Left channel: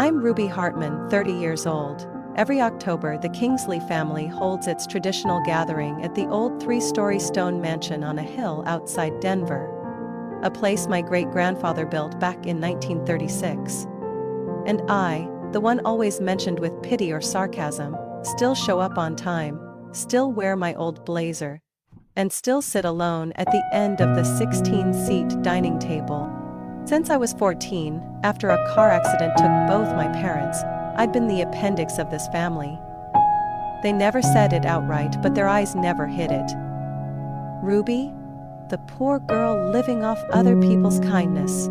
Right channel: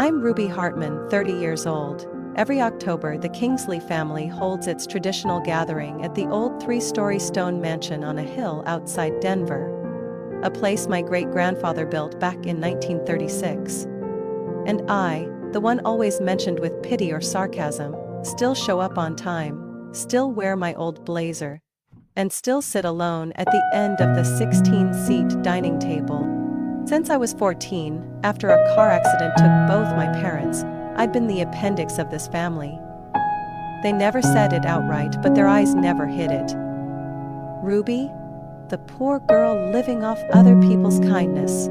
I'm Ruby Hartman, 30 years old. Every October, the Kingsley family holds its traditional gathering at the old three-story stone mansion on a hill outside Denver, a place my great-grandfather built back in 1936. And I, the one always mentioned with pity or sarcasm, still show up on time, still wear my old blazer, and still sit alone at the end of the 16-seat dining table. Since I was 14, after a car accident took both my parents, I'd been the appendix of this family. They never said it outright, but their eyes never hid it. Ruby? The poor girl living off other people's kindness.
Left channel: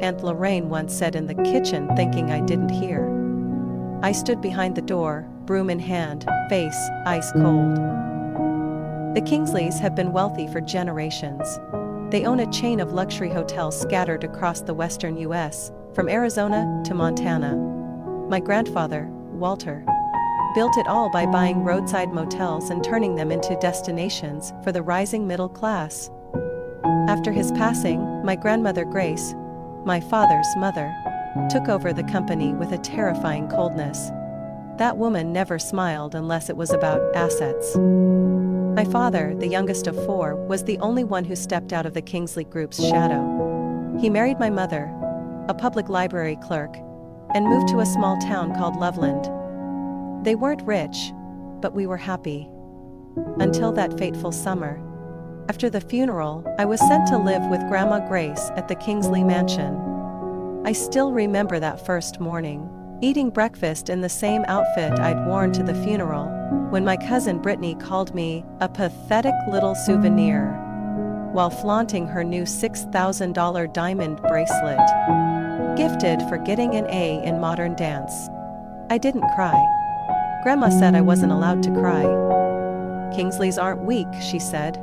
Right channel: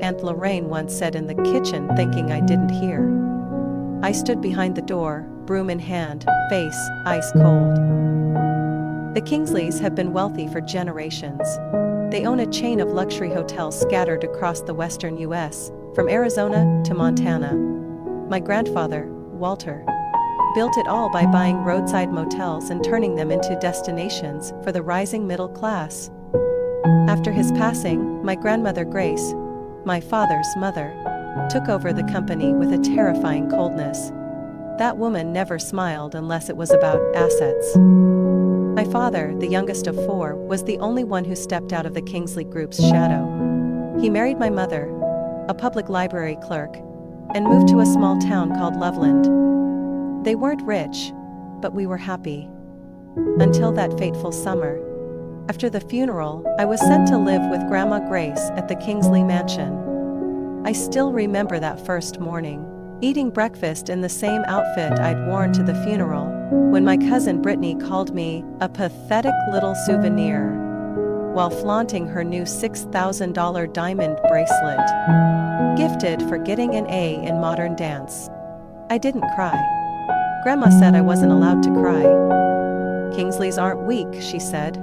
Aunt Lorraine once said in the kitchen, thinking I didn't hear. I stood behind the door, broom in hand, face ice cold. The Kingsleys have been wealthy for generations. They own a chain of luxury hotels scattered across the western U.S., from Arizona to Montana. My grandfather, Walter, built it all by buying roadside motels and turning them into destinations for the rising middle class. After his passing, my grandmother Grace, my father's mother, took over the company with a terrifying coldness. That woman never smiled unless it was about assets. My father, the youngest of four, was the only one who stepped out of the Kingsley Group's shadow. He married my mother, a public library clerk, and moved to a small town called Loveland. They weren't rich, but we were happy. Until that fateful summer. After the funeral, I was sent to live with Grandma Grace at the Kingsley mansion. I still remember that first morning, eating breakfast in the same outfit I'd worn to the funeral, when my cousin Brittany called me a pathetic little souvenir, while flaunting her new $6,000 diamond bracelet, gifted for getting an A in modern dance. I didn't cry. Grandma said I wasn't allowed to cry. Kingsleys aren't weak, she said.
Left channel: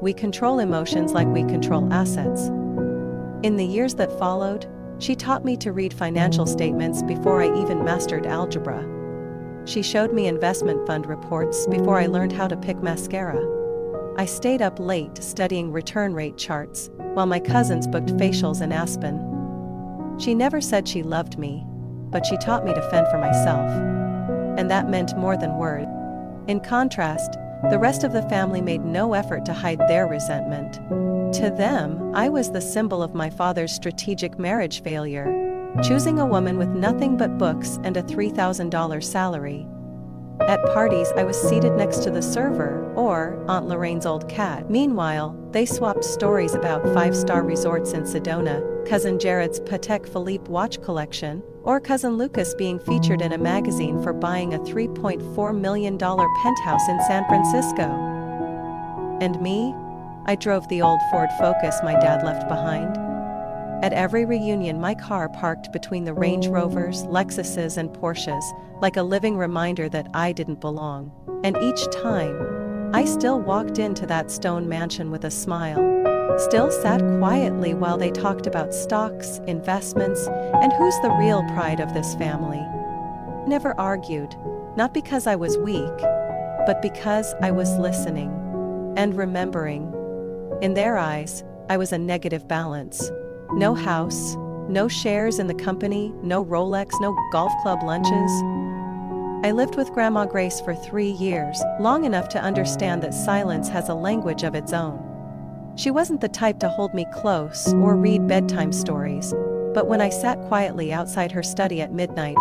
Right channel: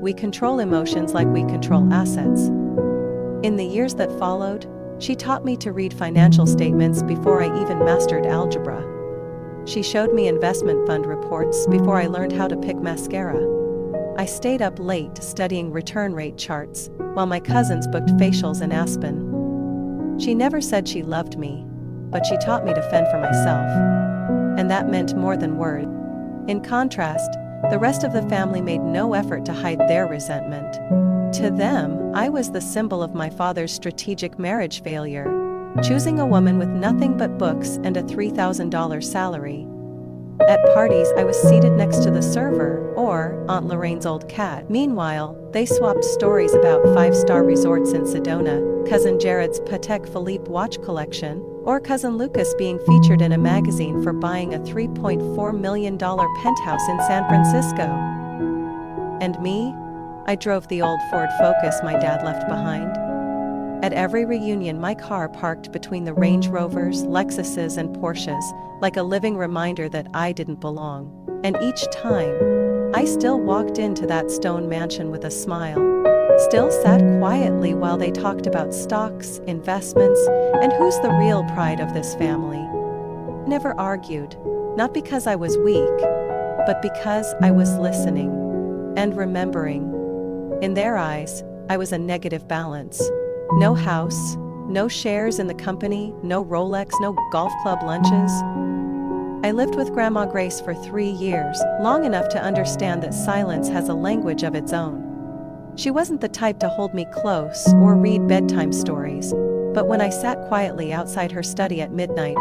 We control emotions like we control assets. In the years that followed, she taught me to read financial statements before I even mastered algebra. She showed me investment fund reports before I learned how to pick mascara. I stayed up late studying return rate charts, while my cousins booked facials in Aspen. She never said she loved me, but she taught me to fend for myself. And that meant more than words. In contrast, the rest of the family made no effort to hide their resentment. To them, I was the symbol of my father's strategic marriage failure, choosing a woman with nothing but books and a $3,000 salary. At parties, I was seated next to the server, or Aunt Lorraine's old cat. Meanwhile, they swapped stories about five-star resorts in Sedona, Cousin Jared's Patek Philippe watch collection, or Cousin Lucas being featured in a magazine for buying a $3.4 million penthouse in San Francisco. And me? I drove the old Ford Focus my dad left behind. At every reunion, my car parked between the Range Rovers, Lexuses, and Porsches, like a living reminder that I didn't belong. And each time, I still walked into that stone mansion with a smile, still sat quietly while they talked about stocks, investments, and who's the real pride of this family. Never argued, not because I was weak, but because I was listening and remembering. In their eyes, I was a negative balance. No house, no shares in the company, no Rolex, no golf club lunches. I lived with Grandma Grace for 3 years, long enough to understand that silence has a language of its own. She wasn't the type to hold me close or read bedtime stories, but when I sat quietly outside her study at midnight,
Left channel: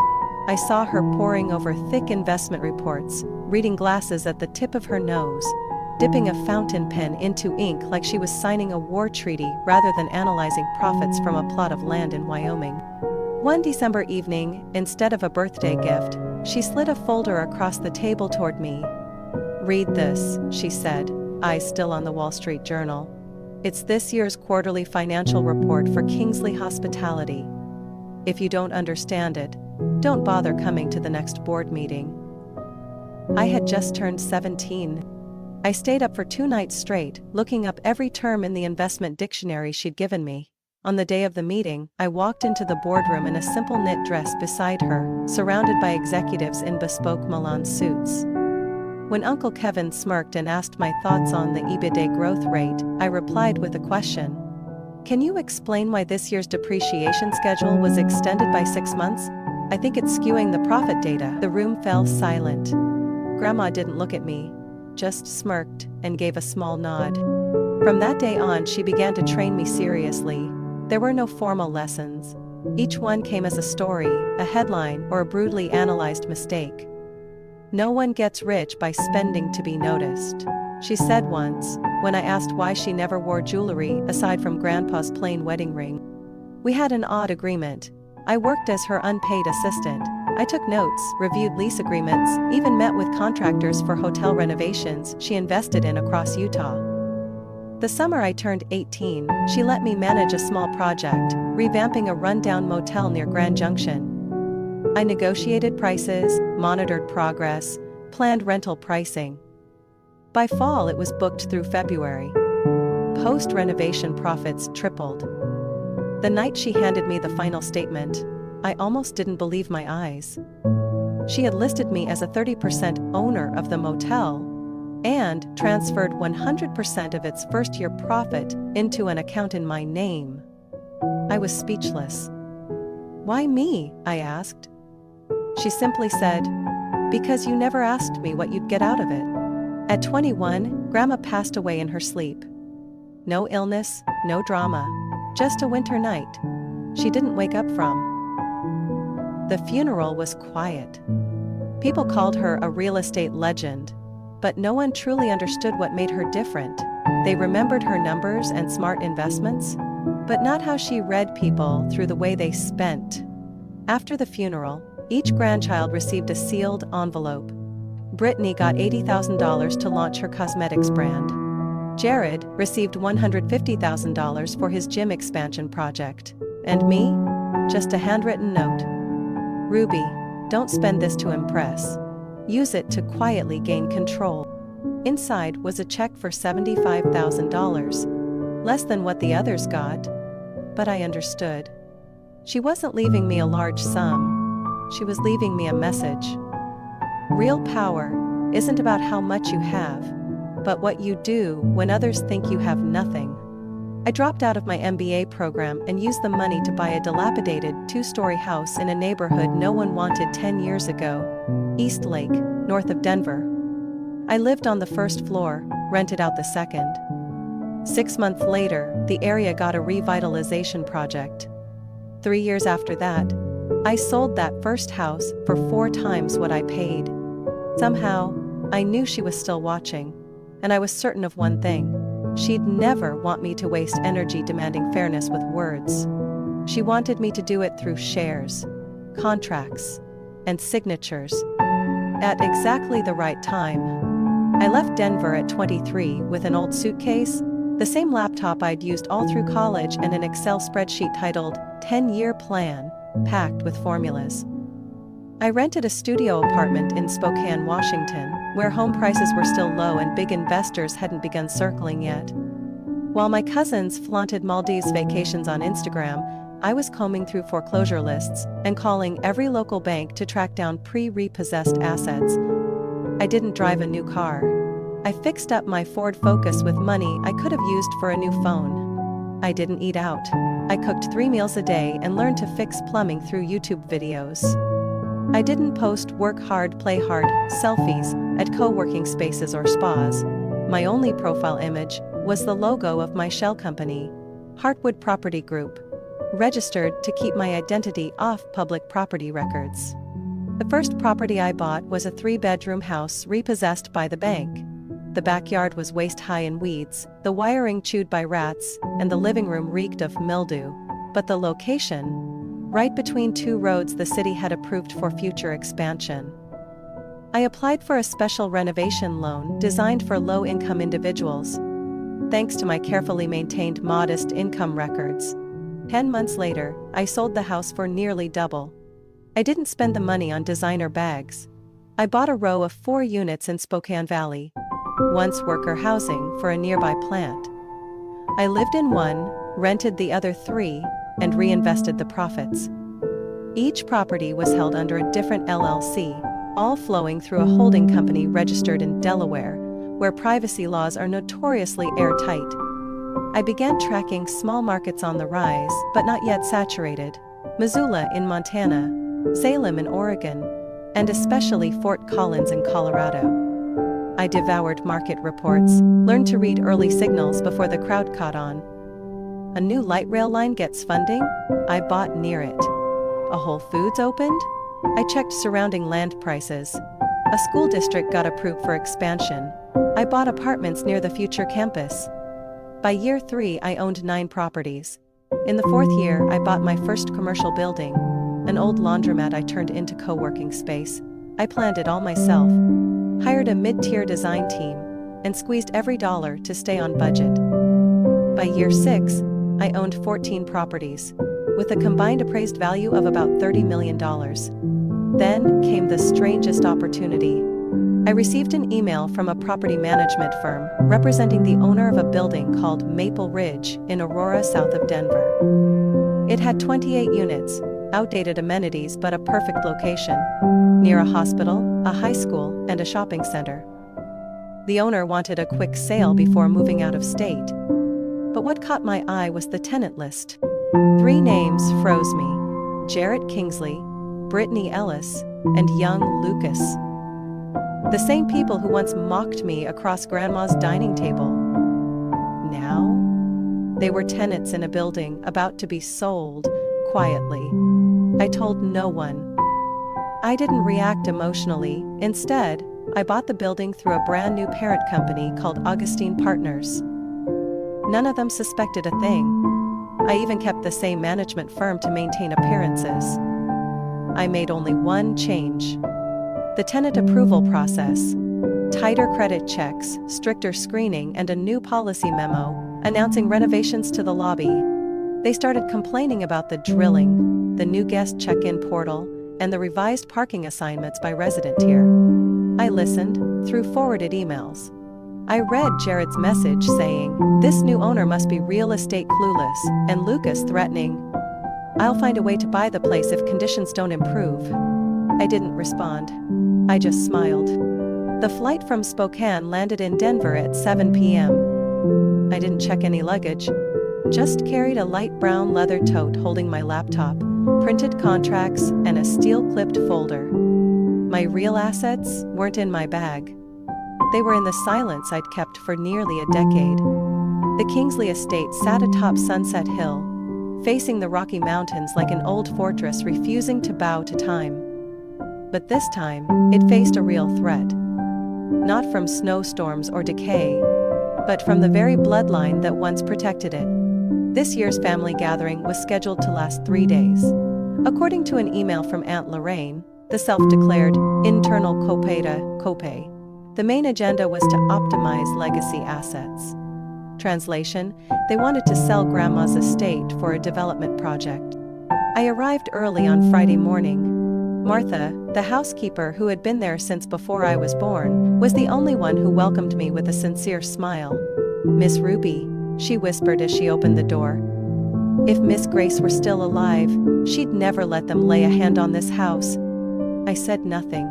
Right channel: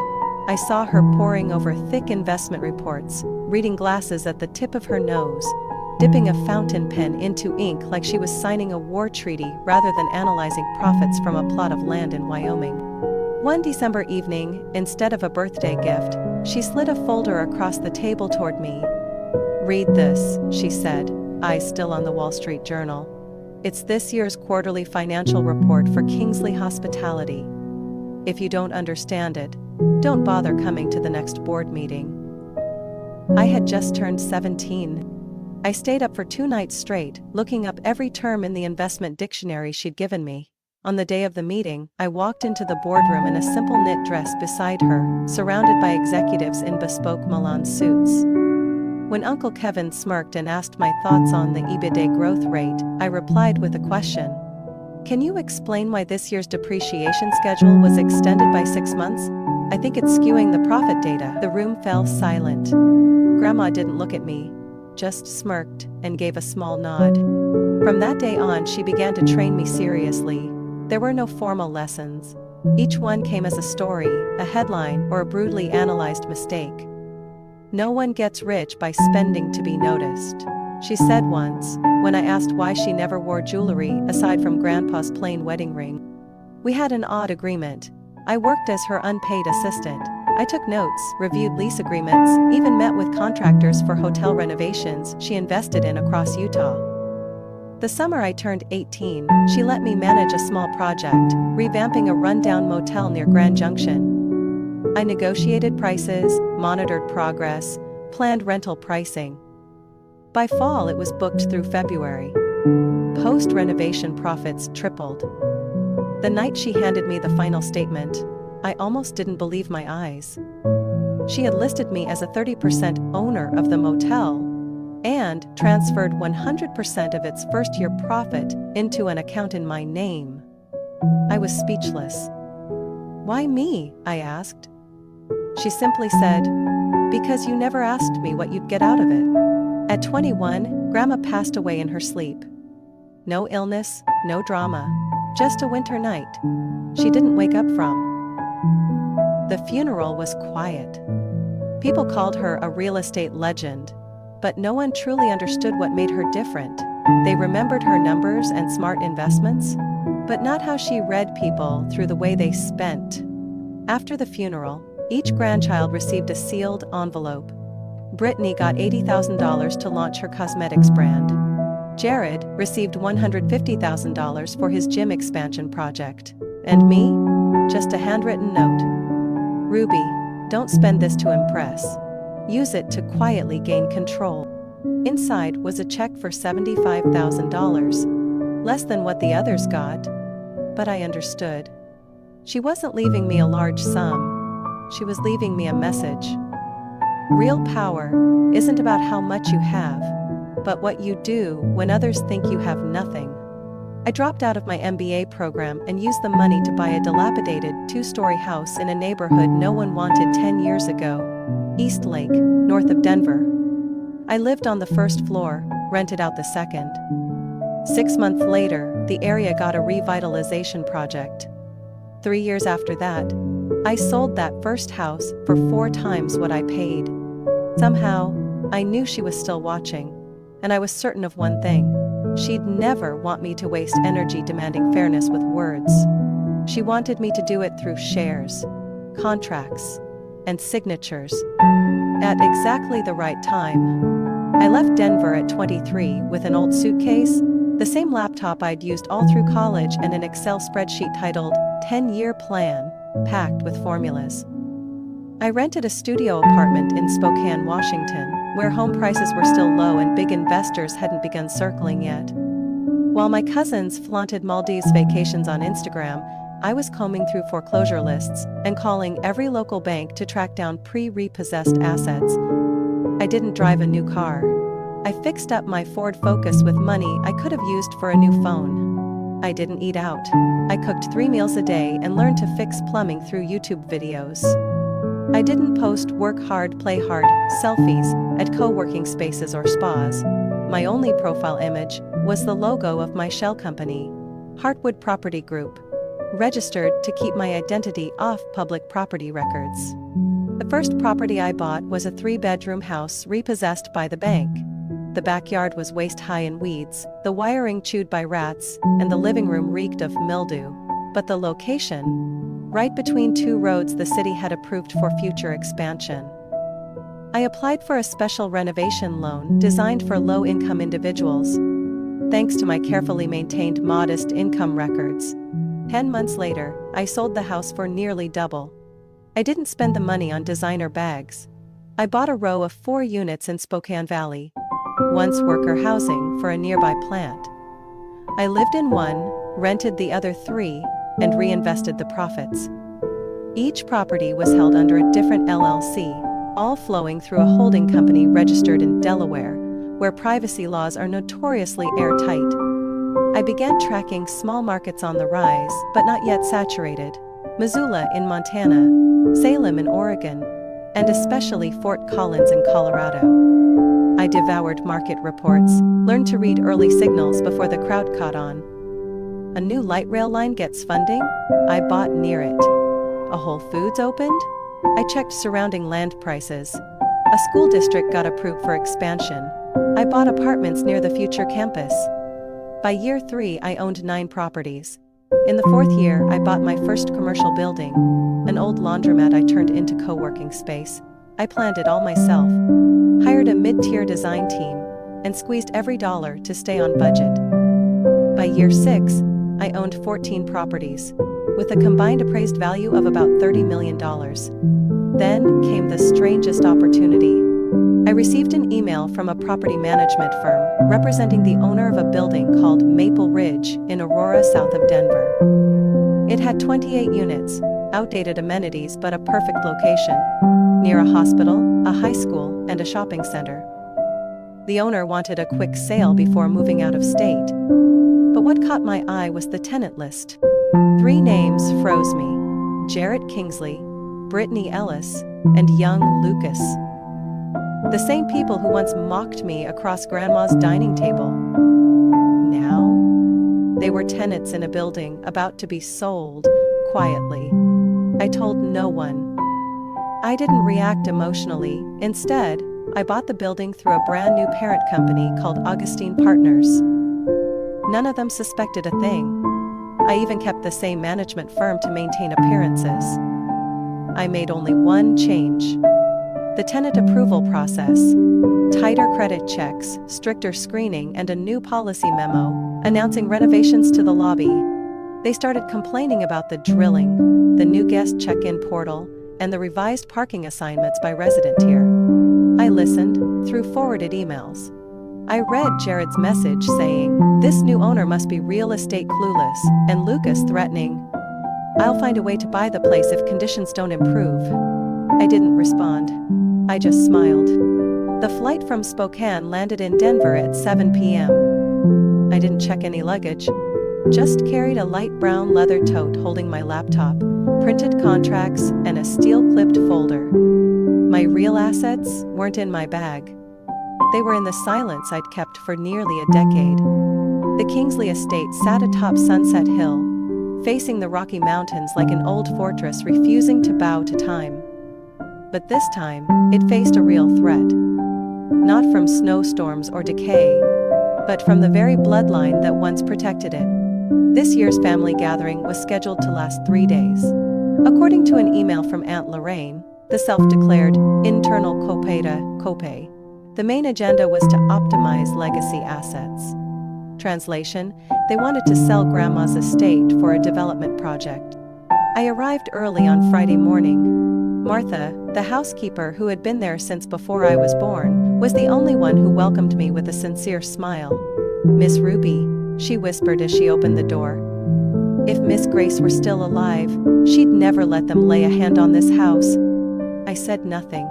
I saw her poring over thick investment reports, reading glasses at the tip of her nose, dipping a fountain pen into ink like she was signing a war treaty rather than analyzing profits from a plot of land in Wyoming. One December evening, instead of a birthday gift, she slid a folder across the table toward me. "Read this," she said, eyes still on the Wall Street Journal. "It's this year's quarterly financial report for Kingsley Hospitality. If you don't understand it, don't bother coming to the next board meeting." I had just turned 17. I stayed up for 2 nights straight, looking up every term in the investment dictionary she'd given me. On the day of the meeting, I walked into the boardroom in a simple knit dress beside her, surrounded by executives in bespoke Milan suits. When Uncle Kevin smirked and asked my thoughts on the EBITDA growth rate, I replied with a question. Can you explain why this year's depreciation schedule was extended by 6 months? I think it's skewing the profit data. The room fell silent. Grandma didn't look at me, just smirked and gave a small nod. From that day on, she began to train me seriously. There were no formal lessons. Each one came as a story, a headline, or a brutally analyzed mistake. No one gets rich by spending to be noticed, she said once, when I asked why she never wore jewelry aside from Grandpa's plain wedding ring. We had an odd agreement. I worked as her unpaid assistant. I took notes, reviewed lease agreements, even met with contractors for hotel renovations she invested in across Utah. The summer I turned 18, she let me manage a small project, revamping a rundown motel near Grand Junction. I negotiated prices, monitored progress, planned rental pricing. By fall, it was booked through February. Post-renovation profits tripled. The night she handed me the final statement, I almost didn't believe my eyes. She had listed me as a 30% owner of the motel and transferred 100% of its first-year profit into an account in my name. I was speechless. "Why me?" I asked. She simply said, "Because you never asked me what you'd get out of it." At 21, Grandma passed away in her sleep. No illness, no drama, just a winter night she didn't wake up from. The funeral was quiet. People called her a real estate legend, but no one truly understood what made her different. They remembered her numbers and smart investments, but not how she read people through the way they spent. After the funeral, each grandchild received a sealed envelope. Brittany got $80,000 to launch her cosmetics brand. Jared received $150,000 for his gym expansion project. And me? Just a handwritten note. "Ruby, don't spend this to impress. Use it to quietly gain control." Inside was a check for $75,000, less than what the others got. But I understood. She wasn't leaving me a large sum. She was leaving me a message. Real power isn't about how much you have, but what you do when others think you have nothing. I dropped out of my MBA program and used the money to buy a dilapidated 2-story house in a neighborhood no one wanted 10 years ago, East Lake, north of Denver. I lived on the first floor, rented out the second. 6 months later, the area got a revitalization project. 3 years after that, I sold that first house for 4 times what I paid. Somehow, I knew she was still watching, and I was certain of one thing. She'd never want me to waste energy demanding fairness with words. She wanted me to do it through shares, contracts, and signatures. At exactly the right time. I left Denver at 23 with an old suitcase, the same laptop I'd used all through college, and an Excel spreadsheet titled 10-Year Plan, packed with formulas. I rented a studio apartment in Spokane, Washington, where home prices were still low and big investors hadn't begun circling yet. While my cousins flaunted Maldives vacations on Instagram, I was combing through foreclosure lists and calling every local bank to track down pre-repossessed assets. I didn't drive a new car. I fixed up my Ford Focus with money I could have used for a new phone. I didn't eat out. I cooked 3 meals a day and learned to fix plumbing through YouTube videos. I didn't post work hard, play hard selfies at co-working spaces or spas. My only profile image was the logo of my shell company, Heartwood Property Group, registered to keep my identity off public property records. The first property I bought was a 3-bedroom house repossessed by the bank. The backyard was waist-high in weeds, the wiring chewed by rats, and the living room reeked of mildew. But the location, right between 2 roads the city had approved for future expansion. I applied for a special renovation loan designed for low-income individuals. Thanks to my carefully maintained modest income records, 10 months later, I sold the house for nearly double. I didn't spend the money on designer bags. I bought a row of 4 units in Spokane Valley, once worker housing for a nearby plant. I lived in one, rented the other 3, and reinvested the profits. Each property was held under a different LLC, all flowing through a holding company registered in Delaware, where privacy laws are notoriously airtight. I began tracking small markets on the rise, but not yet saturated. Missoula in Montana, Salem in Oregon, and especially Fort Collins in Colorado. I devoured market reports, learned to read early signals before the crowd caught on. A new light rail line gets funding? I bought near it. A Whole Foods opened? I checked surrounding land prices. A school district got approved for expansion. I bought apartments near the future campus. By year 3, I owned 9 properties. In the 4th year, I bought my first commercial building, an old laundromat I turned into co-working space. I planned it all myself, hired a mid-tier design team, and squeezed every dollar to stay on budget. By year 6, I owned 14 properties, with a combined appraised value of about $30 million. Then came the strangest opportunity. I received an email from a property management firm representing the owner of a building called Maple Ridge in Aurora, south of Denver. It had 28 units, outdated amenities but a perfect location, near a hospital, a high school, and a shopping center. The owner wanted a quick sale before moving out of state. But what caught my eye was the tenant list. 3 names froze me: Jarrett Kingsley, Brittany Ellis, and young Lucas. The same people who once mocked me across Grandma's dining table. Now, they were tenants in a building about to be sold, quietly. I told no one. I didn't react emotionally. Instead, I bought the building through a brand new parent company called Augustine Partners. None of them suspected a thing. I even kept the same management firm to maintain appearances. I made only one change: the tenant approval process. Tighter credit checks, stricter screening, and a new policy memo announcing renovations to the lobby. They started complaining about the drilling, the new guest check-in portal, and the revised parking assignments by resident tier. I listened, through forwarded emails. I read Jared's message saying, "This new owner must be real estate clueless," and Lucas threatening, "I'll find a way to buy the place if conditions don't improve." I didn't respond. I just smiled. The flight from Spokane landed in Denver at 7 p.m. I didn't check any luggage, just carried a light brown leather tote holding my laptop, printed contracts, and a steel-clipped folder. My real assets weren't in my bag. They were in the silence I'd kept for nearly a decade. The Kingsley estate sat atop Sunset Hill, facing the Rocky Mountains like an old fortress refusing to bow to time. But this time, it faced a real threat. Not from snowstorms or decay, but from the very bloodline that once protected it. This year's family gathering was scheduled to last 3 days. According to an email from Aunt Lorraine, the self-declared internal Copay, the main agenda was to optimize legacy assets. Translation: they wanted to sell Grandma's estate for a development project. I arrived early on Friday morning. Martha, the housekeeper who had been there since before I was born, was the only one who welcomed me with a sincere smile. "Miss Ruby," she whispered as she opened the door. If Miss Grace were still alive, she'd never let them lay a hand on this house. I said nothing,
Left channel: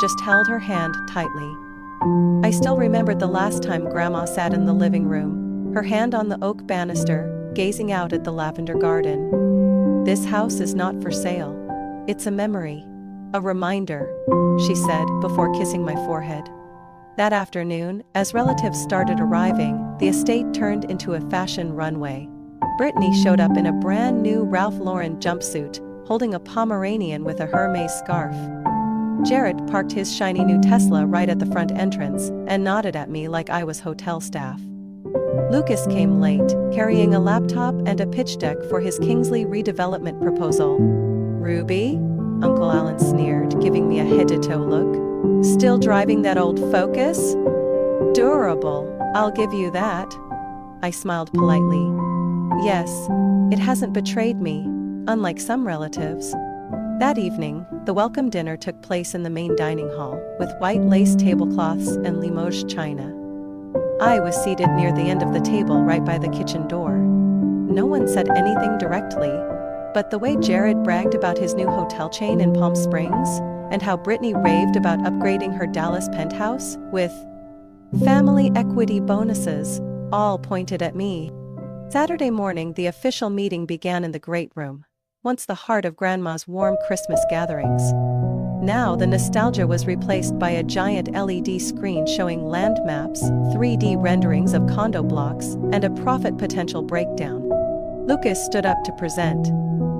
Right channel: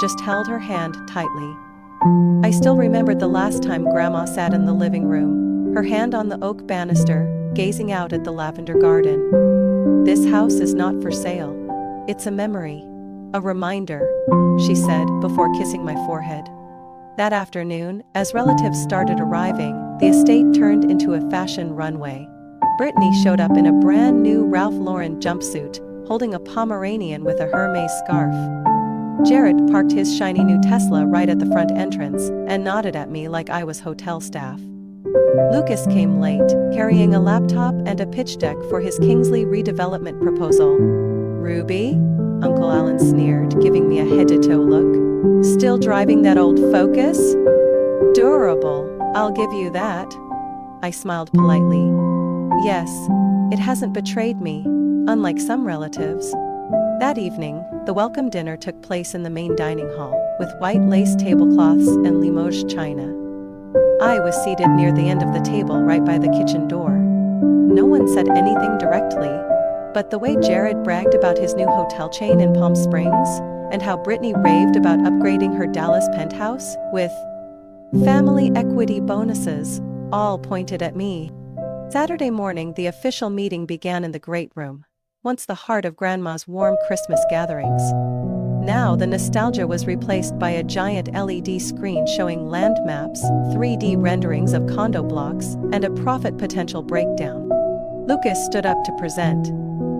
just held her hand tightly. I still remembered the last time Grandma sat in the living room, her hand on the oak banister, gazing out at the lavender garden. "This house is not for sale. It's a memory, a reminder," she said before kissing my forehead. That afternoon, as relatives started arriving, the estate turned into a fashion runway. Brittany showed up in a brand new Ralph Lauren jumpsuit, holding a Pomeranian with a Hermes scarf. Jared parked his shiny new Tesla right at the front entrance and nodded at me like I was hotel staff. Lucas came late, carrying a laptop and a pitch deck for his Kingsley redevelopment proposal. "Ruby?" Uncle Alan sneered, giving me a head-to-toe look. "Still driving that old Focus? Durable, I'll give you that." I smiled politely. Yes, it hasn't betrayed me, unlike some relatives. That evening, the welcome dinner took place in the main dining hall, with white lace tablecloths and Limoges china. I was seated near the end of the table right by the kitchen door. No one said anything directly, but the way Jared bragged about his new hotel chain in Palm Springs, and how Brittany raved about upgrading her Dallas penthouse with family equity bonuses, all pointed at me. Saturday morning, the official meeting began in the great room, once the heart of Grandma's warm Christmas gatherings. Now the nostalgia was replaced by a giant LED screen showing land maps, 3D renderings of condo blocks, and a profit potential breakdown. Lucas stood up to present.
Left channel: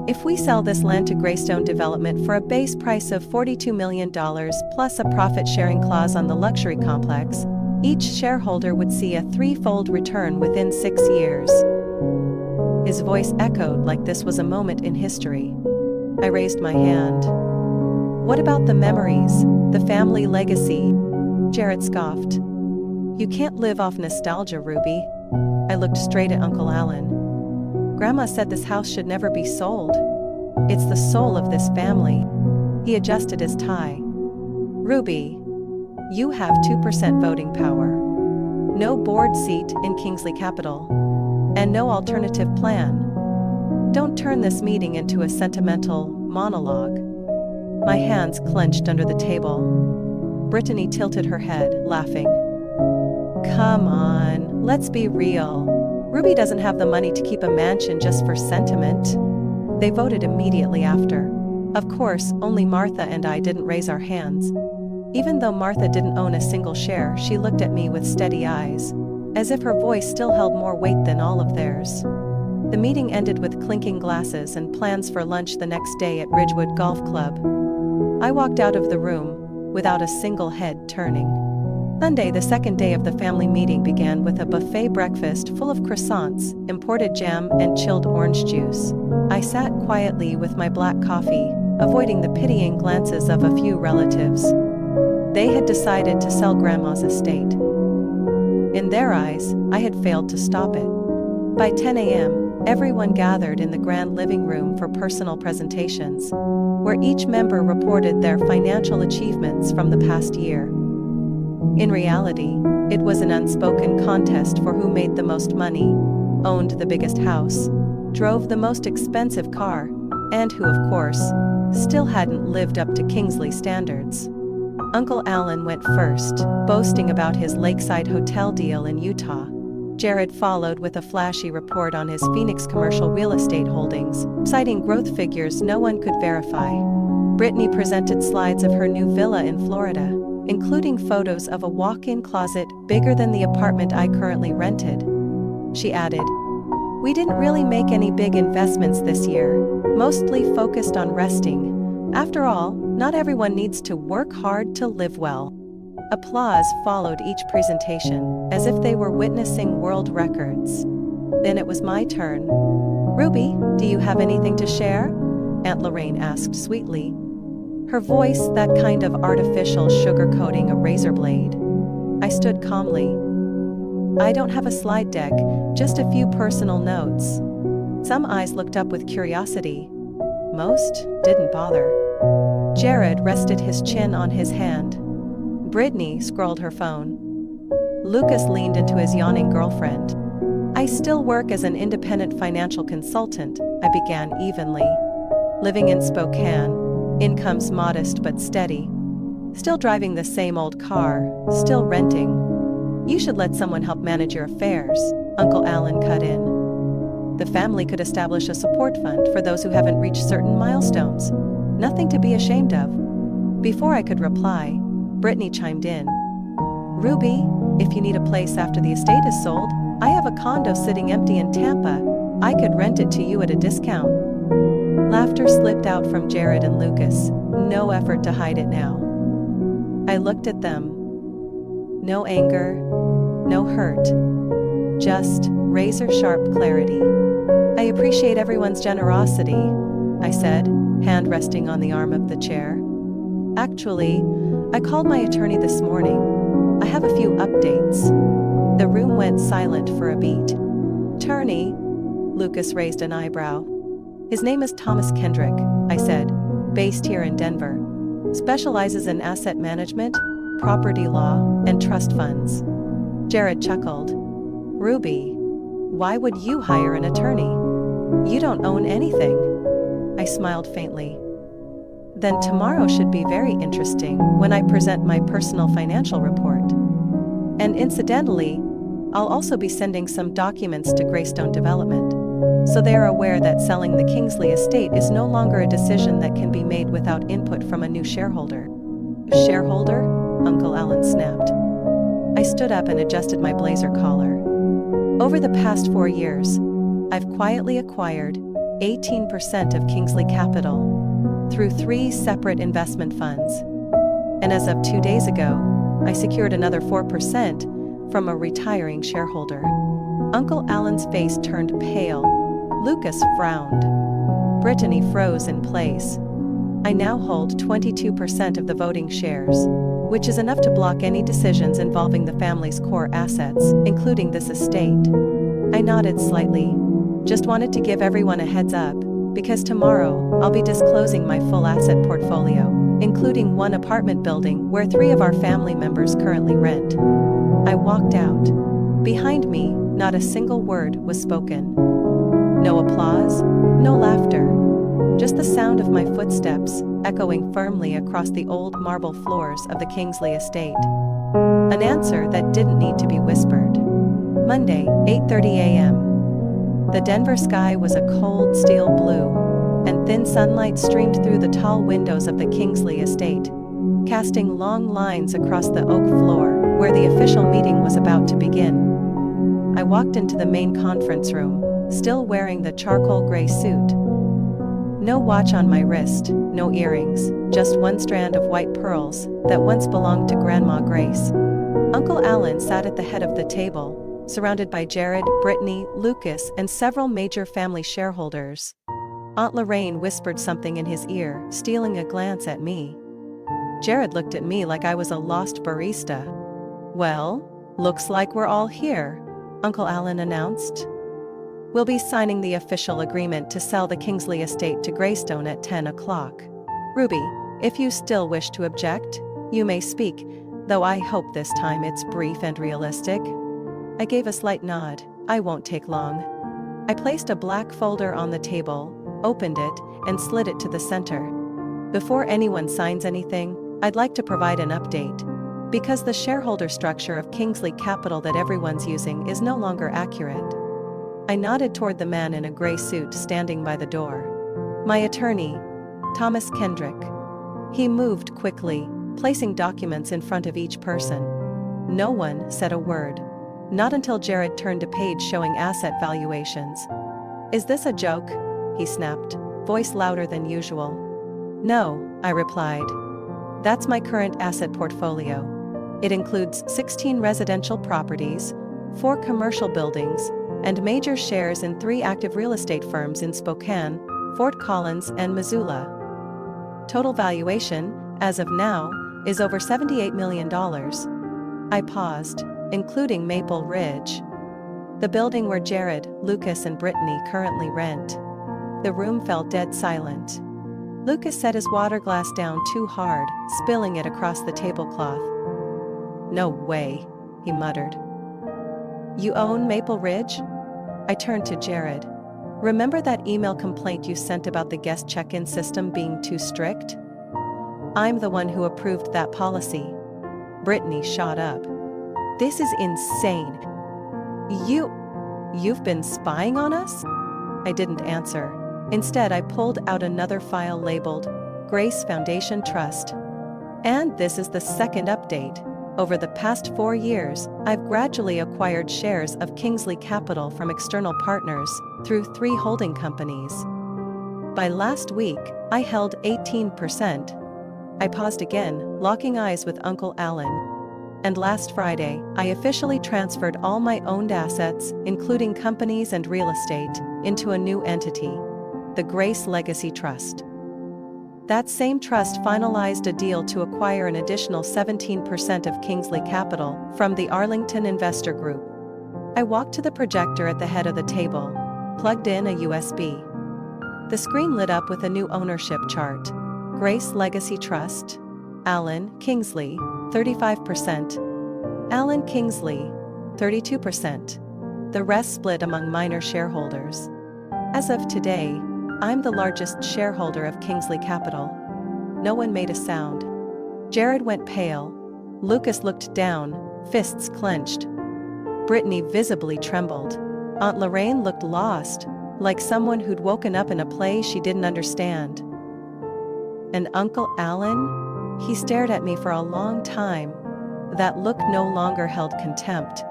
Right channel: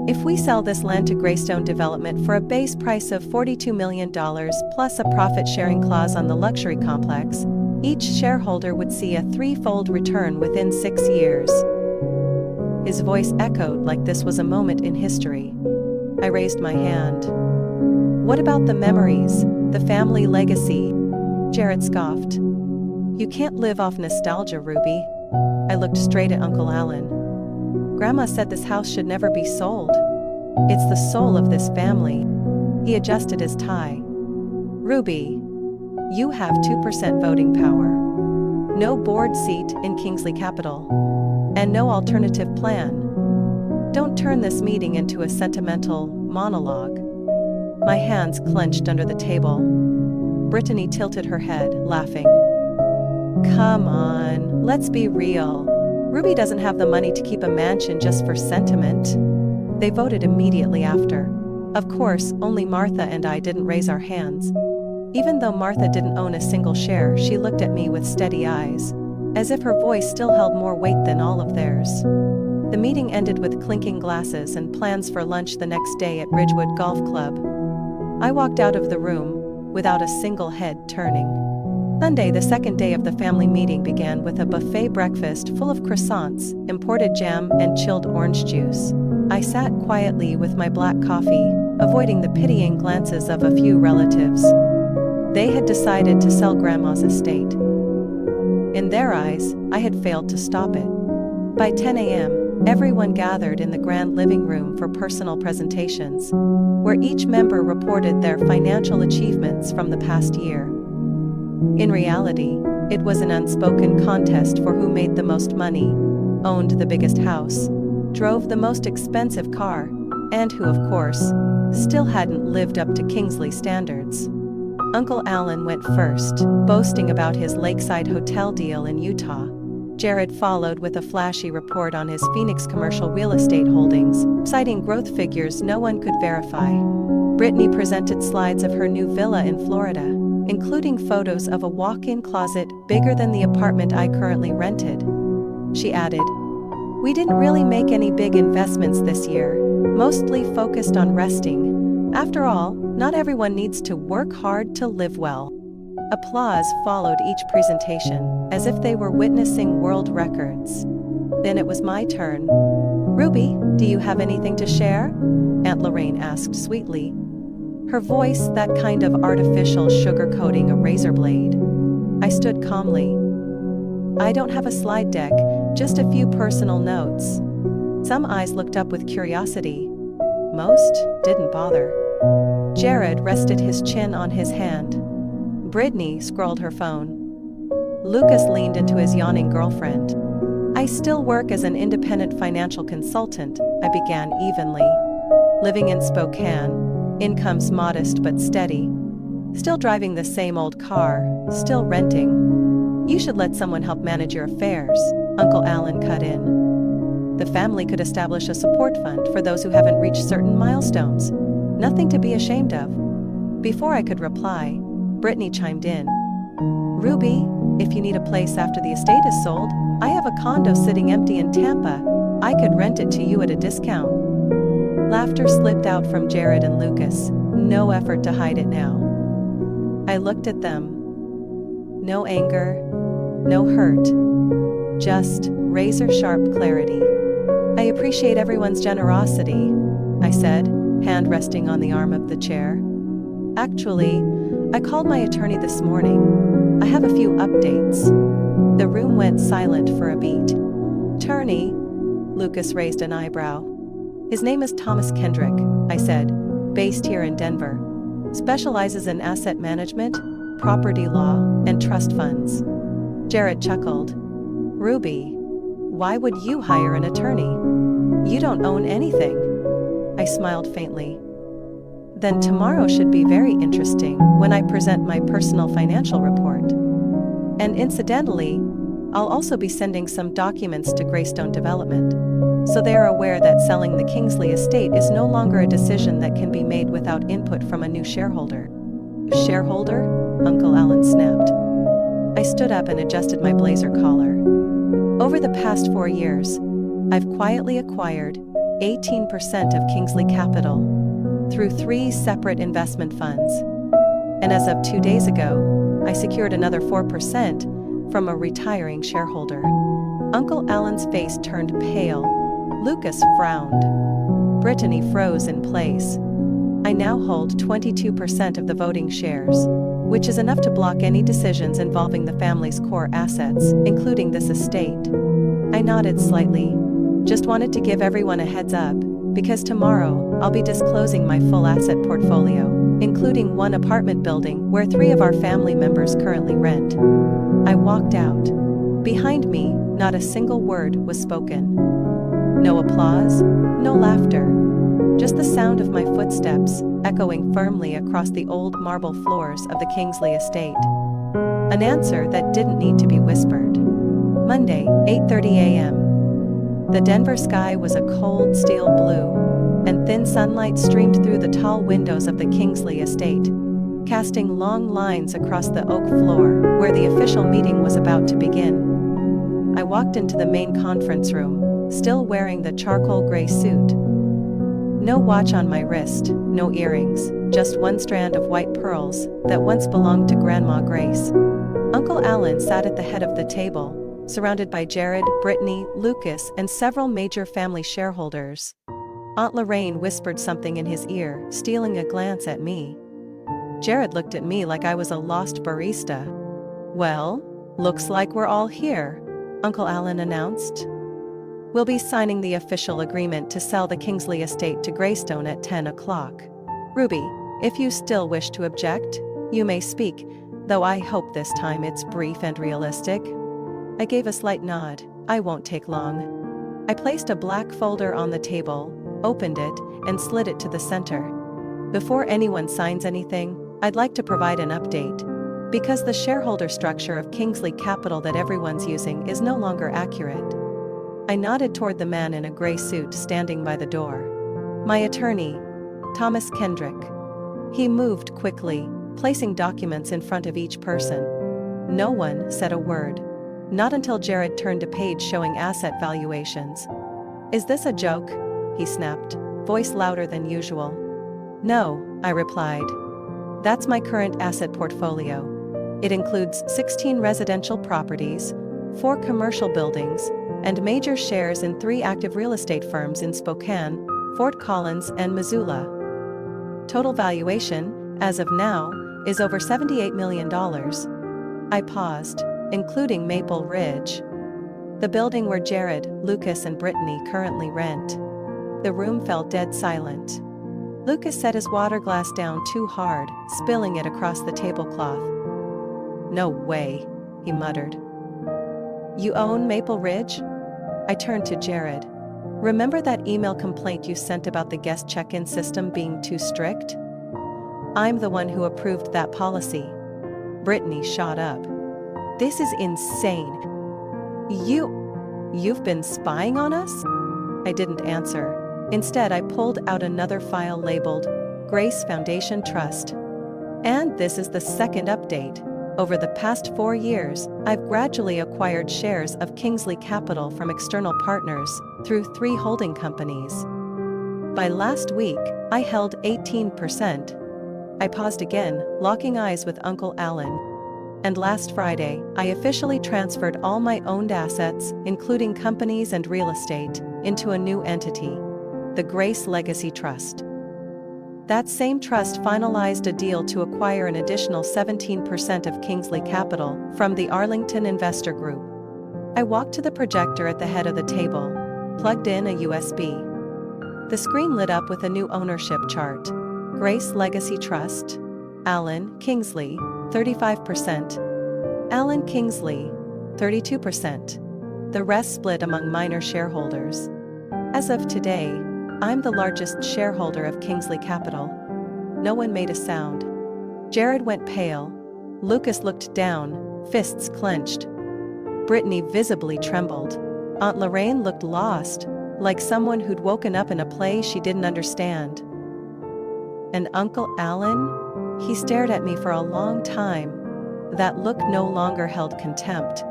If we sell this land to Greystone Development for a base price of $42 million plus a profit-sharing clause on the luxury complex, each shareholder would see a threefold return within 6 years. His voice echoed like this was a moment in history. I raised my hand. What about the memories, the family legacy? Jared scoffed. You can't live off nostalgia, Ruby. I looked straight at Uncle Alan. Grandma said this house should never be sold. It's the soul of this family. He adjusted his tie. Ruby, you have 2% voting power. No board seat in Kingsley Capital. And no alternative plan. Don't turn this meeting into a sentimental monologue. My hands clenched under the table. Brittany tilted her head, laughing. Come on, let's be real. Ruby doesn't have the money to keep a mansion just for sentiment. They voted immediately after. Of course, only Martha and I didn't raise our hands. Even though Martha didn't own a single share, she looked at me with steady eyes, as if her voice still held more weight than all of theirs. The meeting ended with clinking glasses and plans for lunch the next day at Ridgewood Golf Club. I walked out of the room, without a single head turning. Sunday, the second day of the family meeting, began with a buffet breakfast full of croissants, imported jam, and chilled orange juice. I sat quietly with my black coffee, avoiding the pitying glances of a few relatives. They had decided to sell Grandma's estate. In their eyes, I had failed to stop it. By 10 a.m., everyone gathered in the grand living room for personal presentations, where each member reported their financial achievements from the past year. In reality, it was an unspoken contest for who made the most money, owned the biggest house, drove the most expensive car, and who, of course, still hadn't lived up to Kingsley standards. Uncle Alan went first, boasting about his lakeside hotel deal in Utah. Jared followed with a flashy report on his Phoenix commercial real estate holdings, citing growth figures no one could verify. Brittany presented slides of her new villa in Florida, including photos of a walk-in closet bigger than the apartment I currently rented. She added, "We didn't really make any big investments this year, mostly focused on resting. After all, not everyone needs to work hard to live well." Applause followed each presentation, as if they were witnessing world records. Then it was my turn. "Ruby, do you have anything to share?" Aunt Lorraine asked sweetly. Her voice that kind of artificial sugar-coating a razor blade. I stood calmly. "I don't have a slide deck, just a few personal notes." Some eyes looked up with curiosity. Most didn't bother. Jared rested his chin on his hand. Brittany scrolled her phone. Lucas leaned into his yawning girlfriend. "I still work as an independent financial consultant," I began evenly. "Living in Spokane. Income's modest but steady. Still driving the same old car, still renting. You should let someone help manage your affairs," Uncle Alan cut in. "The family could establish a support fund for those who haven't reached certain milestones. Nothing to be ashamed of." Before I could reply, Brittany chimed in. "Ruby, if you need a place after the estate is sold, I have a condo sitting empty in Tampa. I could rent it to you at a discount." Laughter slipped out from Jared and Lucas, no effort to hide it now. I looked at them. No anger, no hurt, just razor-sharp clarity. "I appreciate everyone's generosity," I said, hand resting on the arm of the chair. "Actually, I called my attorney this morning. I have a few updates." The room went silent for a beat. "Attorney?" Lucas raised an eyebrow. "His name is Thomas Kendrick," I said, "based here in Denver. Specializes in asset management, property law, and trust funds." Jared chuckled. "Ruby, why would you hire an attorney? You don't own anything." I smiled faintly. "Then tomorrow should be very interesting when I present my personal financial report. And incidentally, I'll also be sending some documents to Greystone Development, so they are aware that selling the Kingsley estate is no longer a decision that can be made without input from a new shareholder. Shareholder? Uncle Alan snapped. I stood up and adjusted my blazer collar. Over the past 4 years, I've quietly acquired 18% of Kingsley Capital through 3 separate investment funds. And as of 2 days ago, I secured another 4% from a retiring shareholder. Uncle Alan's face turned pale. Lucas frowned. Brittany froze in place. I now hold 22% of the voting shares, which is enough to block any decisions involving the family's core assets, including this estate. I nodded slightly. Just wanted to give everyone a heads up, because tomorrow I'll be disclosing my full asset portfolio, including 1 apartment building where 3 of our family members currently rent. I walked out. Behind me, not a single word was spoken. No applause, no laughter. Just the sound of my footsteps echoing firmly across the old marble floors of the Kingsley estate. An answer that didn't need to be whispered. Monday, 8:30 a.m. The Denver sky was a cold steel blue, and thin sunlight streamed through the tall windows of the Kingsley estate, casting long lines across the oak floor where the official meeting was about to begin. I walked into the main conference room, still wearing the charcoal gray suit. No watch on my wrist, no earrings, just 1 strand of white pearls that once belonged to Grandma Grace. Uncle Alan sat at the head of the table, surrounded by Jared, Brittany, Lucas, and several major family shareholders. Aunt Lorraine whispered something in his ear, stealing a glance at me. Jared looked at me like I was a lost barista. "Well, looks like we're all here," Uncle Alan announced. "We'll be signing the official agreement to sell the Kingsley estate to Greystone at 10 o'clock. Ruby, if you still wish to object, you may speak, though I hope this time it's brief and realistic." I gave a slight nod. "I won't take long." I placed a black folder on the table, opened it, and slid it to the center. Before anyone signs anything, I'd like to provide an update. Because the shareholder structure of Kingsley Capital that everyone's using is no longer accurate. I nodded toward the man in a gray suit standing by the door. "My attorney, Thomas Kendrick." He moved quickly, placing documents in front of each person. No one said a word. Not until Jared turned a page showing asset valuations. "Is this a joke?" he snapped, voice louder than usual. "No," I replied. "That's my current asset portfolio. It includes 16 residential properties, 4 commercial buildings, and major shares in 3 active real estate firms in Spokane, Fort Collins, and Missoula. Total valuation, as of now, is over $78 million. I paused. "Including Maple Ridge, the building where Jared, Lucas, and Brittany currently rent." The room fell dead silent. Lucas set his water glass down too hard, spilling it across the tablecloth. "No way," he muttered. "You own Maple Ridge?" I turned to Jared. "Remember that email complaint you sent about the guest check-in system being too strict? I'm the one who approved that policy." Brittany shot up. "This is insane. You've been spying on us?" I didn't answer. Instead, I pulled out another file labeled Grace Foundation Trust. "And this is the second update. Over the past 4 years, I've gradually acquired shares of Kingsley Capital from external partners through 3 holding companies. By last week, I held 18%. I paused again, locking eyes with Uncle Alan. "And last Friday, I officially transferred all my owned assets, including companies and real estate, into a new entity, the Grace Legacy Trust." That same trust finalized a deal to acquire an additional 17% of Kingsley Capital from the Arlington Investor Group. I walked to the projector at the head of the table, plugged in a USB. The screen lit up with a new ownership chart. Grace Legacy Trust. Alan Kingsley, 35%. Alan Kingsley, 32%. The rest split among minor shareholders. As of today, I'm the largest shareholder of Kingsley Capital. No one made a sound. Jared went pale. Lucas looked down, fists clenched. Brittany visibly trembled. Aunt Lorraine looked lost, like someone who'd woken up in a play she didn't understand. And Uncle Alan? He stared at me for a long time. That look no longer held contempt.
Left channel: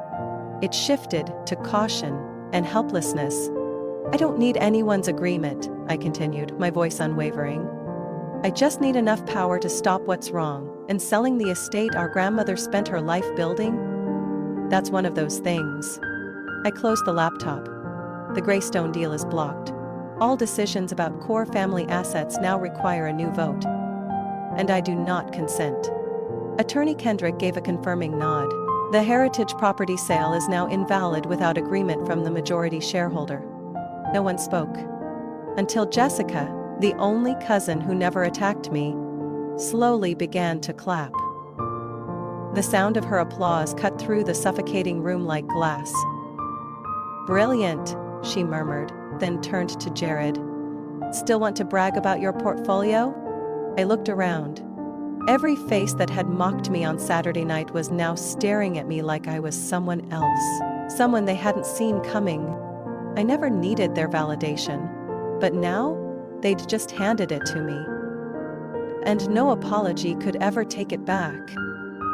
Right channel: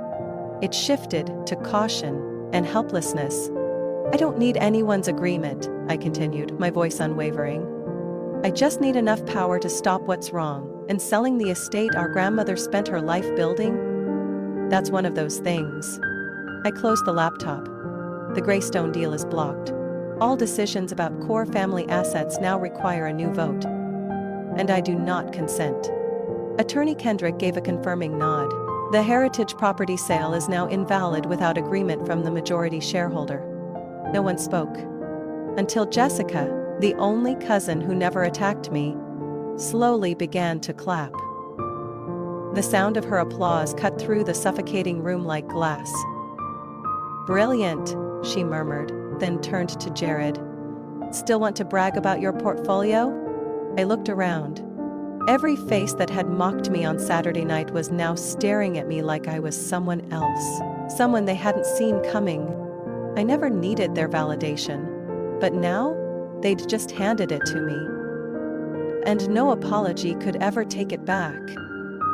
It shifted to caution and helplessness. I don't need anyone's agreement, I continued, my voice unwavering. I just need enough power to stop what's wrong, and selling the estate our grandmother spent her life building? That's one of those things. I closed the laptop. The Greystone deal is blocked. All decisions about core family assets now require a new vote. And I do not consent. Attorney Kendrick gave a confirming nod. The heritage property sale is now invalid without agreement from the majority shareholder. No one spoke. Until Jessica, the only cousin who never attacked me, slowly began to clap. The sound of her applause cut through the suffocating room like glass. "Brilliant," she murmured, then turned to Jared. "Still want to brag about your portfolio?" I looked around. Every face that had mocked me on Saturday night was now staring at me like I was someone else, someone they hadn't seen coming. I never needed their validation, but now, they'd just handed it to me. And no apology could ever take it back.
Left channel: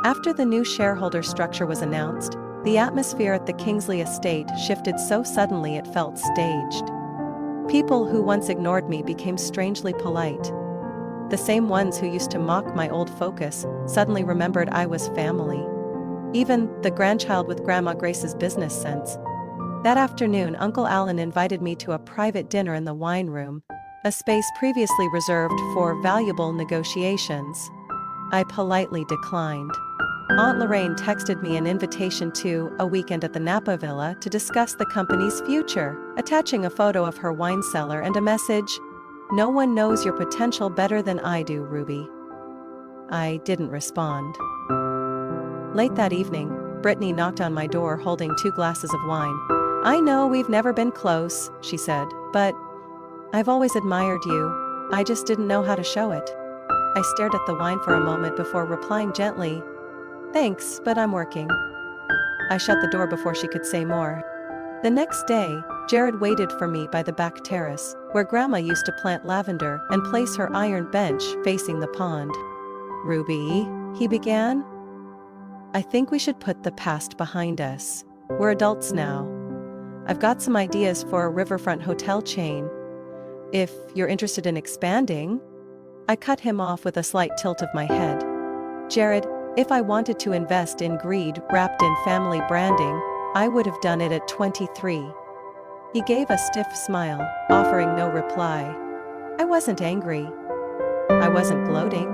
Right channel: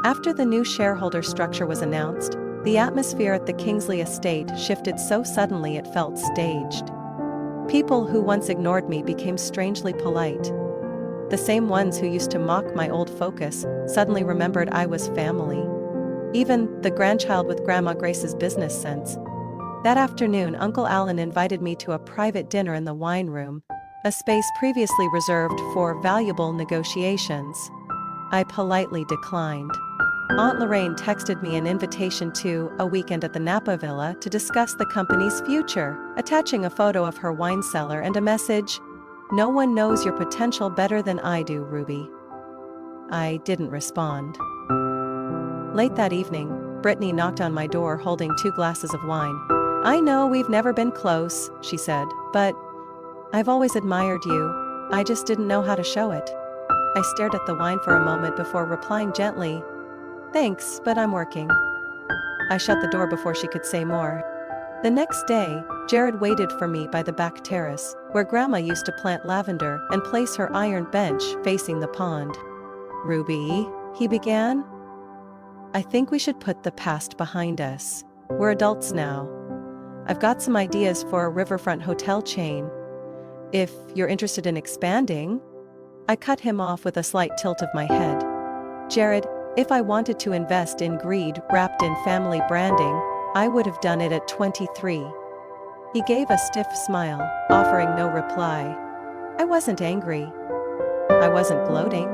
After the new shareholder structure was announced, the atmosphere at the Kingsley estate shifted so suddenly it felt staged. People who once ignored me became strangely polite. The same ones who used to mock my old focus suddenly remembered I was family. Even the grandchild with Grandma Grace's business sense. That afternoon, Uncle Alan invited me to a private dinner in the wine room, a space previously reserved for valuable negotiations. I politely declined. Aunt Lorraine texted me an invitation to a weekend at the Napa Villa to discuss the company's future, attaching a photo of her wine cellar and a message, "No one knows your potential better than I do, Ruby." I didn't respond. Late that evening, Brittany knocked on my door holding 2 glasses of wine. "I know we've never been close," she said, "but I've always admired you. I just didn't know how to show it." I stared at the wine for a moment before replying gently, "Thanks, but I'm working." I shut the door before she could say more. The next day, Jared waited for me by the back terrace, where Grandma used to plant lavender and place her iron bench facing the pond. "Ruby," he began, "I think we should put the past behind us. We're adults now. I've got some ideas for a riverfront hotel chain. If you're interested in expanding." I cut him off with a slight tilt of my head. "Jared, if I wanted to invest in greed wrapped in family branding, I would have done it at 23. He gave a stiff smile, offering no reply. I wasn't angry. I wasn't gloating.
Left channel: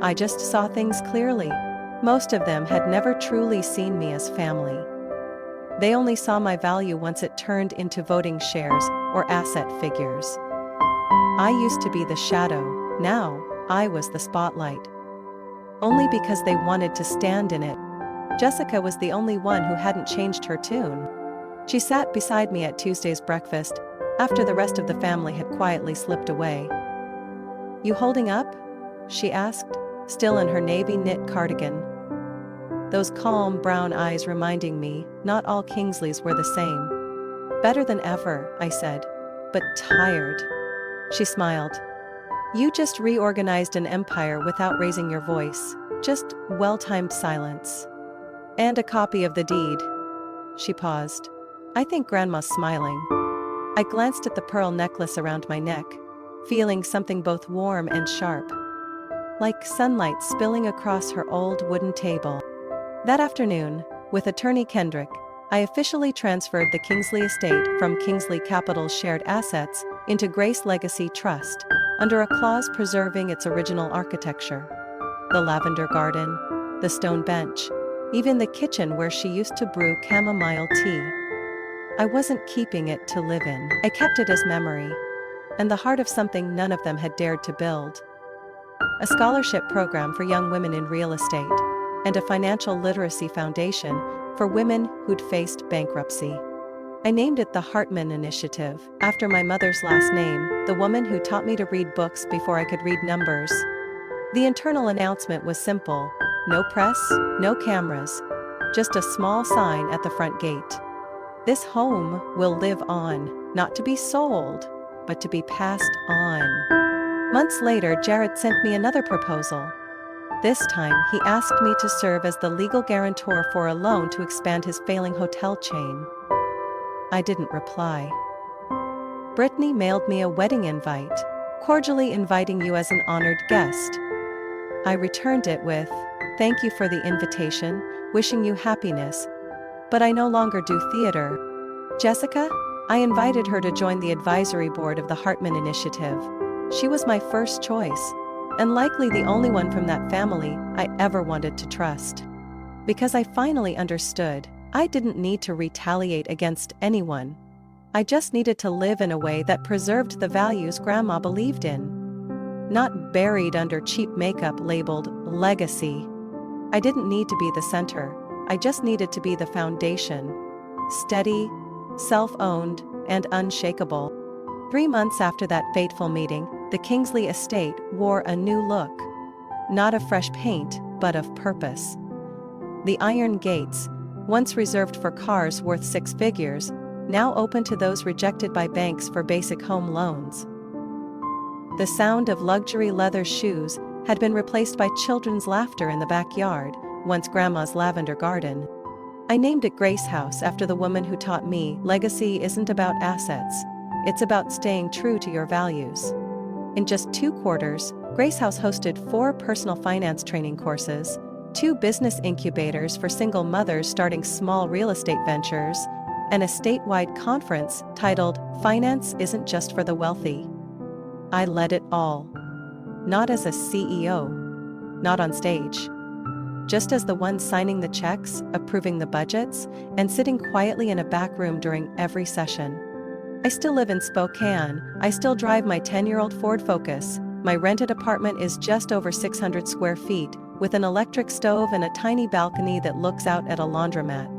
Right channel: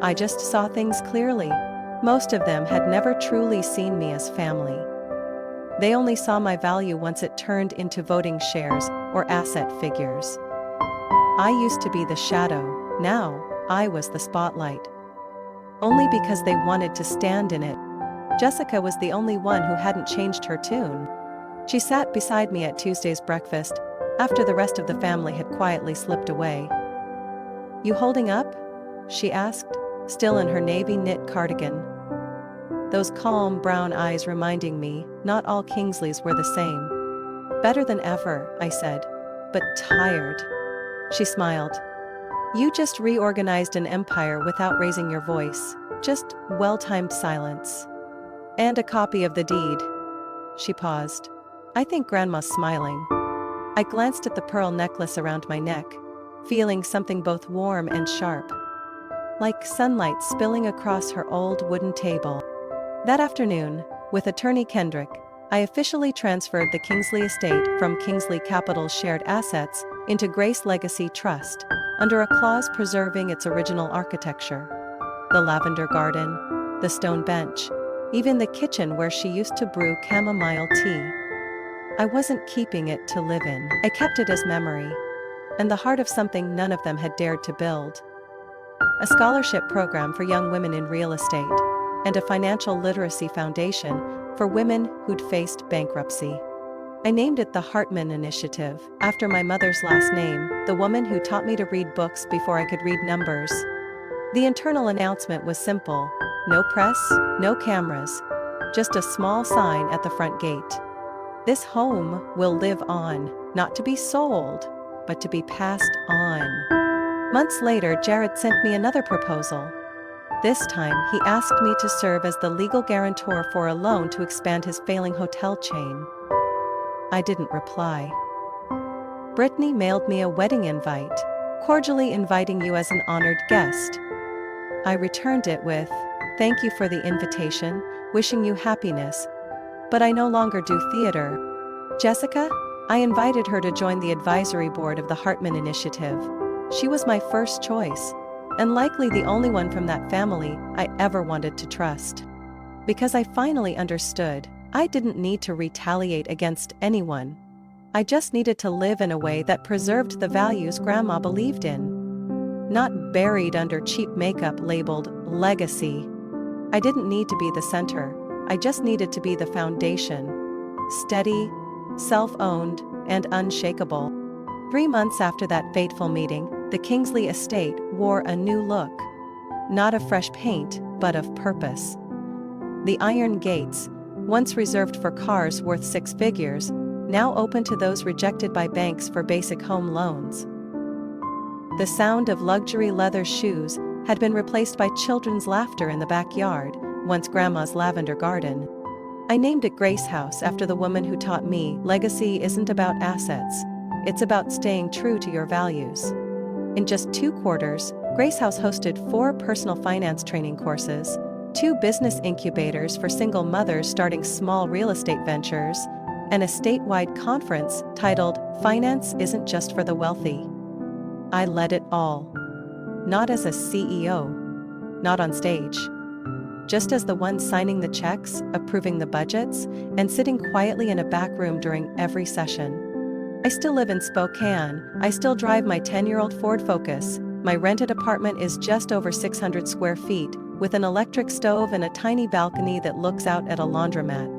I just saw things clearly. Most of them had never truly seen me as family. They only saw my value once it turned into voting shares or asset figures. I used to be the shadow, now I was the spotlight. Only because they wanted to stand in it. Jessica was the only one who hadn't changed her tune. She sat beside me at Tuesday's breakfast, after the rest of the family had quietly slipped away. "You holding up?" she asked, still in her navy knit cardigan. Those calm brown eyes reminding me not all Kingsleys were the same. "Better than ever," I said, "but tired." She smiled. "You just reorganized an empire without raising your voice, just well-timed silence. And a copy of the deed." She paused. I think Grandma's smiling. I glanced at the pearl necklace around my neck, feeling something both warm and sharp, like sunlight spilling across her old wooden table. That afternoon, with Attorney Kendrick, I officially transferred the Kingsley estate from Kingsley Capital's shared assets into Grace Legacy Trust, under a clause preserving its original architecture. The lavender garden, the stone bench, even the kitchen where she used to brew chamomile tea. I wasn't keeping it to live in. I kept it as memory, and the heart of something none of them had dared to build. A scholarship program for young women in real estate, and a financial literacy foundation for women who'd faced bankruptcy. I named it the Hartman Initiative, after my mother's last name, the woman who taught me to read books before I could read numbers. The internal announcement was simple: no press, no cameras, just a small sign at the front gate. This home will live on, not to be sold, but to be passed on. Months later, Jared sent me another proposal. This time, he asked me to serve as the legal guarantor for a loan to expand his failing hotel chain. I didn't reply. Brittany mailed me a wedding invite, cordially inviting you as an honored guest. I returned it with, "Thank you for the invitation, wishing you happiness, but I no longer do theater." Jessica? I invited her to join the advisory board of the Hartman initiative. She was my first choice, and likely the only one from that family I ever wanted to trust. Because I finally understood, I didn't need to retaliate against anyone. I just needed to live in a way that preserved the values Grandma believed in. Not buried under cheap makeup labeled legacy. I didn't need to be the center, I just needed to be the foundation. Steady, self-owned, and unshakable. 3 months after that fateful meeting, the Kingsley estate wore a new look. Not of fresh paint, but of purpose. The iron gates, once reserved for cars worth 6 figures, now open to those rejected by banks for basic home loans. The sound of luxury leather shoes had been replaced by children's laughter in the backyard, once Grandma's lavender garden. I named it Grace House after the woman who taught me legacy isn't about assets, it's about staying true to your values. In just 2 quarters, Grace House hosted 4 personal finance training courses, 2 business incubators for single mothers starting small real estate ventures, and a statewide conference titled "Finance Isn't Just for the Wealthy." I led it all. Not as a CEO. Not on stage. Just as the one signing the checks, approving the budgets, and sitting quietly in a back room during every session. I still live in Spokane, I still drive my 10-year-old Ford Focus, my rented apartment is just over 600 square feet, with an electric stove and a tiny balcony that looks out at a laundromat.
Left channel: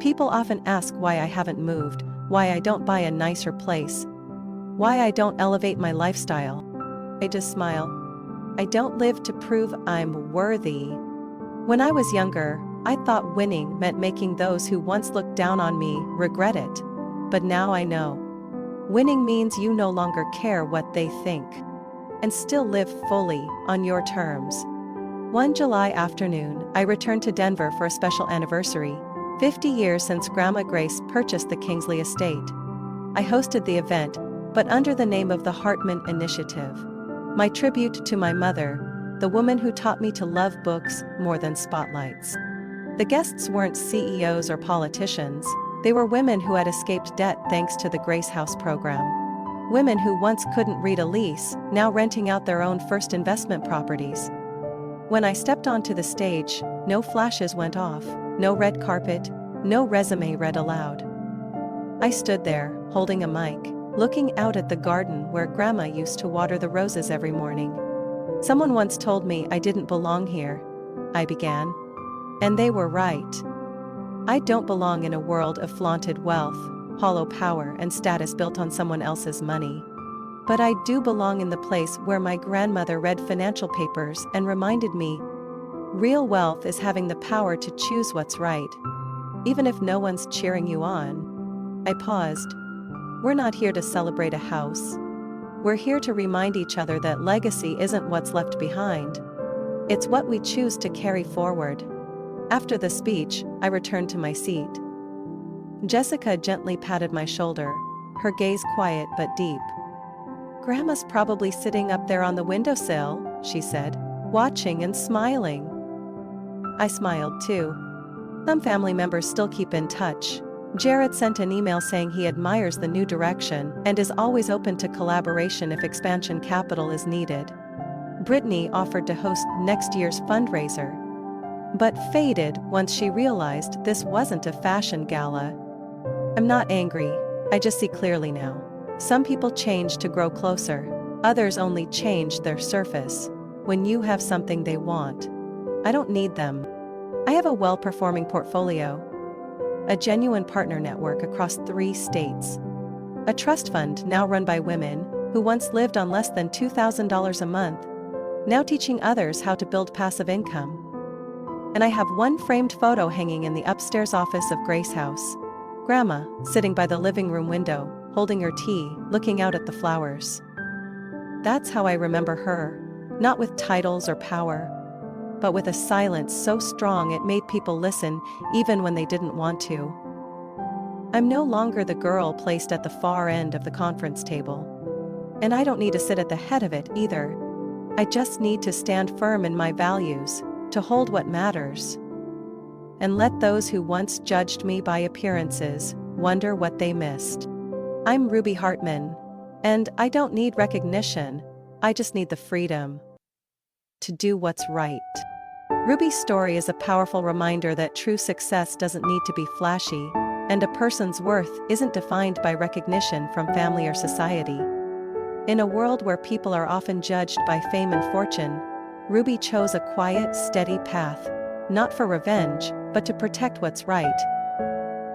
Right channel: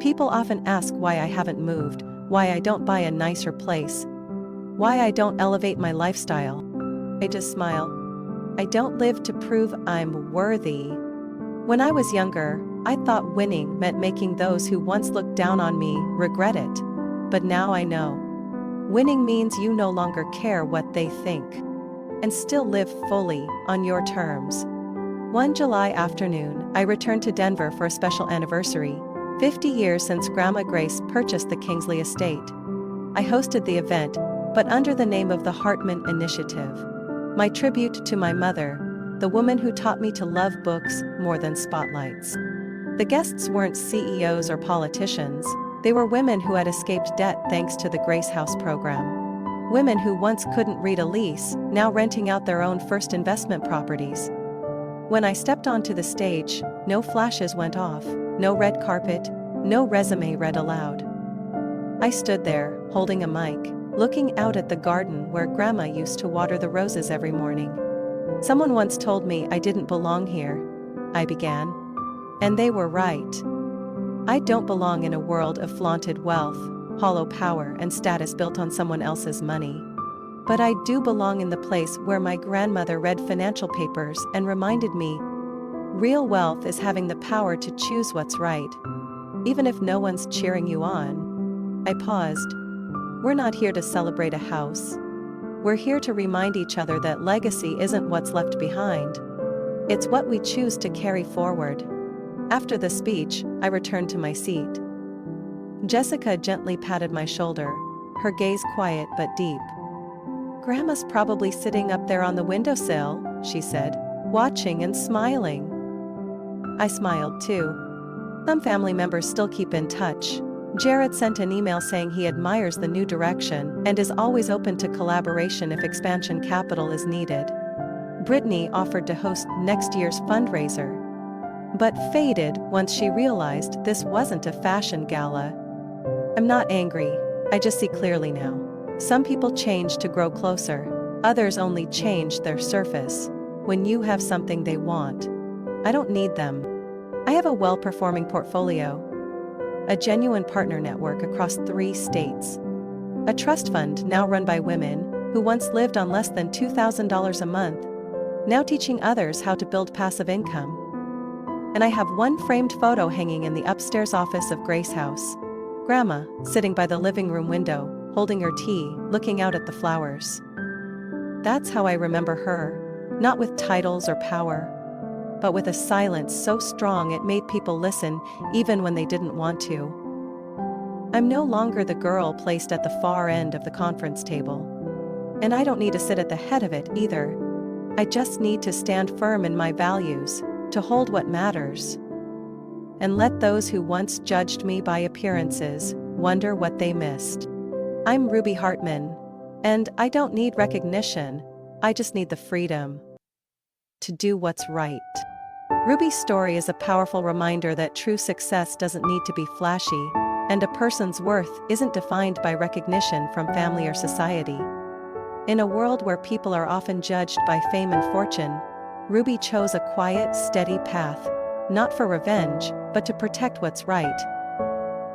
People often ask why I haven't moved, why I don't buy a nicer place, why I don't elevate my lifestyle. I just smile. I don't live to prove I'm worthy. When I was younger, I thought winning meant making those who once looked down on me regret it. But now I know. Winning means you no longer care what they think. And still live fully, on your terms. One July afternoon, I returned to Denver for a special anniversary, 50 years since Grandma Grace purchased the Kingsley estate. I hosted the event, but under the name of the Hartman Initiative. My tribute to my mother, the woman who taught me to love books more than spotlights. The guests weren't CEOs or politicians, they were women who had escaped debt thanks to the Grace House program. Women who once couldn't read a lease, now renting out their own first investment properties. When I stepped onto the stage, no flashes went off, no red carpet, no resume read aloud. I stood there, holding a mic, looking out at the garden where Grandma used to water the roses every morning. "Someone once told me I didn't belong here," I began. And they were right. I don't belong in a world of flaunted wealth, hollow power, and status built on someone else's money. But I do belong in the place where my grandmother read financial papers and reminded me, real wealth is having the power to choose what's right, even if no one's cheering you on. I paused. We're not here to celebrate a house. We're here to remind each other that legacy isn't what's left behind. It's what we choose to carry forward. After the speech, I returned to my seat. Jessica gently patted my shoulder, her gaze quiet but deep. "Grandma's probably sitting up there on the windowsill," she said, watching and smiling. I smiled too. Some family members still keep in touch. Jared sent an email saying he admires the new direction and is always open to collaboration if expansion capital is needed. Brittany offered to host next year's fundraiser, but faded once she realized this wasn't a fashion gala. I'm not angry, I just see clearly now. Some people change to grow closer, others only change their surface. When you have something they want, I don't need them. I have a well-performing portfolio, a genuine partner network across 3 states, a trust fund now run by women who once lived on less than $2,000 a month, now teaching others how to build passive income, and I have one framed photo hanging in the upstairs office of Grace House. Grandma, sitting by the living room window, holding her tea, looking out at the flowers. That's how I remember her, not with titles or power, but with a silence so strong it made people listen even when they didn't want to. I'm no longer the girl placed at the far end of the conference table. And I don't need to sit at the head of it either. I just need to stand firm in my values, to hold what matters. And let those who once judged me by appearances wonder what they missed. I'm Ruby Hartman, and I don't need recognition, I just need the freedom to do what's right. Ruby's story is a powerful reminder that true success doesn't need to be flashy, and a person's worth isn't defined by recognition from family or society. In a world where people are often judged by fame and fortune, Ruby chose a quiet, steady path, not for revenge, but to protect what's right.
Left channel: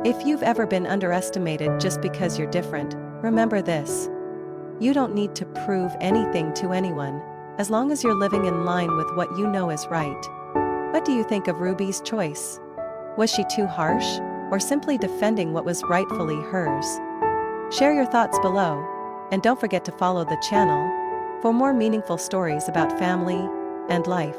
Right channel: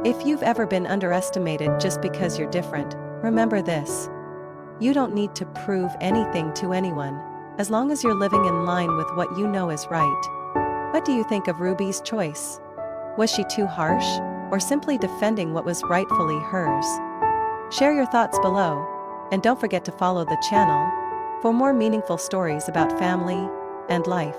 If you've ever been underestimated just because you're different, remember this. You don't need to prove anything to anyone, as long as you're living in line with what you know is right. What do you think of Ruby's choice? Was she too harsh, or simply defending what was rightfully hers? Share your thoughts below, and don't forget to follow the channel for more meaningful stories about family and life.